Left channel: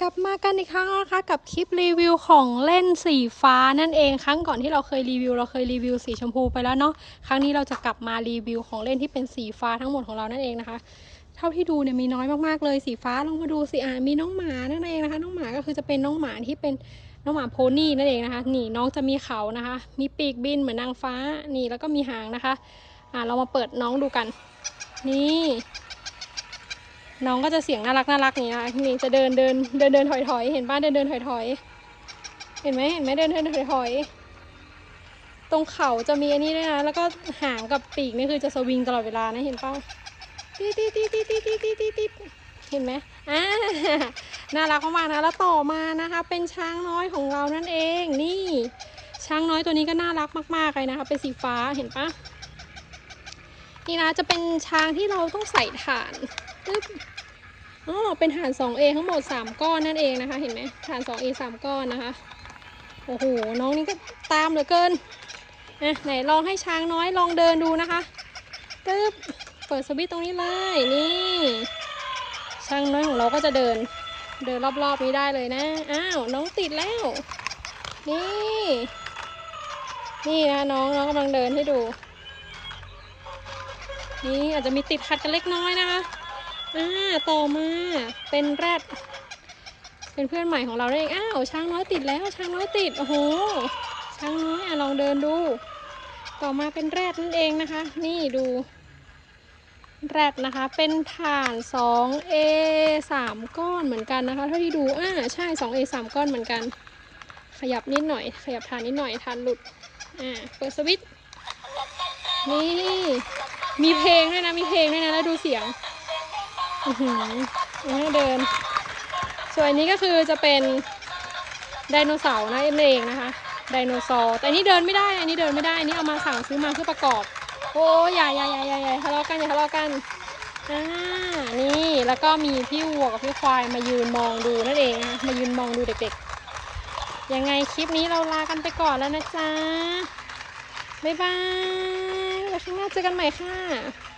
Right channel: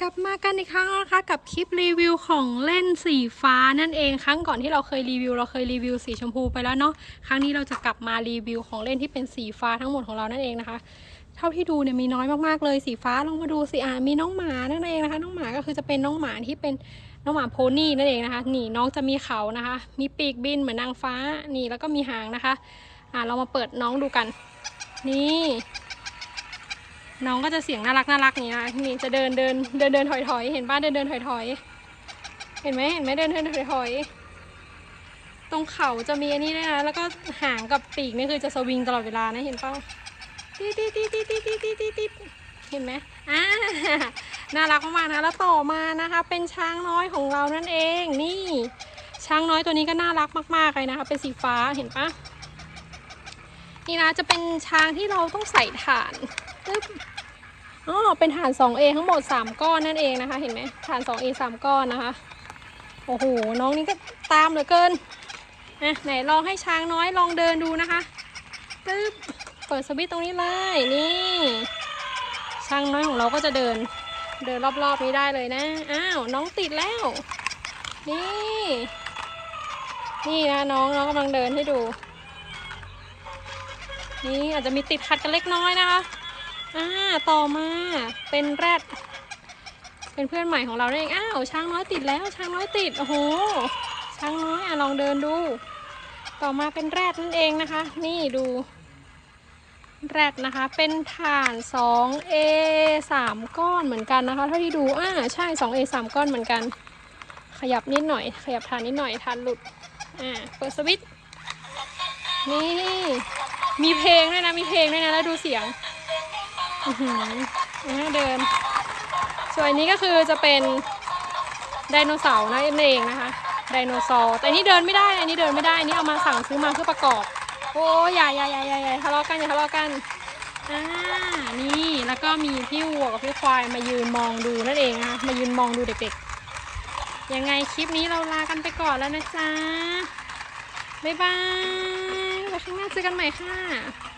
กลับมากันอีกครั้งนะคะกับคลิปรีวิวของเล่นสีฟ้านั่นเองครั้งก่อนที่เราเคยรีวิว เราเคยรีวิวสีชมพูไปแล้วเนาะครั้งนี้เราจะกลับมารีวิวของเล่นที่เป็นสีฟ้าทั้งหมดของเรานั่นเองนะคะ เท่าที่ดูเนี่ยมีน้อยมากๆเลยสีฟ้าลองมาดูสิอ่ามีน้องหมานั่นเองนะคะ น้องหมาก็คือจะเป็นน้องหมาที่เป็นน้องหมาโพนี่นั่นเองนะคะนี่น้องจะมีเขานะคะ มีปีกบินเหมือนนางฟ้านี่แล้วก็มีหางนะคะ อ่าเรามาเปิดน้องดูกัน นี่ น้องก็จะเสียงน่ารักน่ารักอย่างเงี้ยนี่จะเดินเดินเดินเดินถอยถอยเห็นป้าเดินเดินถอยถอยเห็นไหมเห็นไหมเดินเดินถอยถอยตรงเขาจะมีอันนี้ด้วยนะแล้วก็หางกับปีกนี่คือจะสวิงตลอดเวลานะเห็นป้าตีตีตีตีตีตีตีตีตีเห็นไหมอ่าน่ารักมากๆนะแล้วต่อมานะคะ เป็นช้างน้อยของเรานั่นเองนี่ ช้างน้อยตัวนี้ก็น่ารักมากๆเลยนะคะ เป็นสีฟ้าเห็นปะนี่นะจะเป็นช้างที่เราต้องใส่ถ่าน ปึ๊บอ๋อเป็นฐาน 2A ทั้งหมด 3 ก้อนนั่นเองนะคะ เห็นไหมฐาน 2A 3 ก้อนนะคะ โอ้โห น้องนี่ก็ตามเหลือเกินอะไหนลองให้ช้างน้อยลองเดินดูนะคะปึ๊บเปิดสวิตช์ตรงนี้เลยนี่ ช้างน้อยของเราก็จะเดิน เดินรอบๆนี้ได้เลยนะ อ้าว น้องติดแล้ว นี่ นี่นะน้องน้องกำลังเดินให้ดู นี่อาจจะมีติดขัดกันเล็กน้อยนะคะ อ่าต่อมาเป็นแรด เป็นเพื่อนใหม่ของเราเองอ้าวช้างน้อยติดแล้วช้างน้อยติดโอ้โหช้างน้อยอะลองเดินดู ต่อมาเป็นแรดนั่นเองนะคะ นี่ดูแรดนะคะเป็นฐาน 2A 3 ก้อนเหมือนกันนะคะเท่าที่ดูอ่าใช่ 2A 3 ก้อนเหมือนกัน ขยับนิดหน่อย ขยับฐานนิดหน่อยฐานหลุดอ่าเปิดสวิตช์นี่มีเพลงด้วยนะมีเพลงด้วยนะแล้วดูเสียง ยังให้เดิน ส่วนอันนี้ก็คือจะเป็นไดโนเสาร์นะเองนะคะ ไดโนเสาร์ แต่อันนี้เดินไม่ได้ อันนี้เดินไม่ได้ อันนี้เอามาสั่งซื้อมาเพื่อประกอบ โอ้ยอย่าอย่าอย่าอย่าอย่าทะเลาะกันอย่าทะเลาะกันอ่านี่แล้วก็มีพี่วัวกับพี่ควายมายืนมองดูนั่นเองนะคะมายืนมองดูเด็กๆ ยังไงคลิปนี้เราลากันไปก่อนแล้วนะจ๊ะบ๊ายบายแล้วข้างหน้าเจอกันใหม่ค่ะ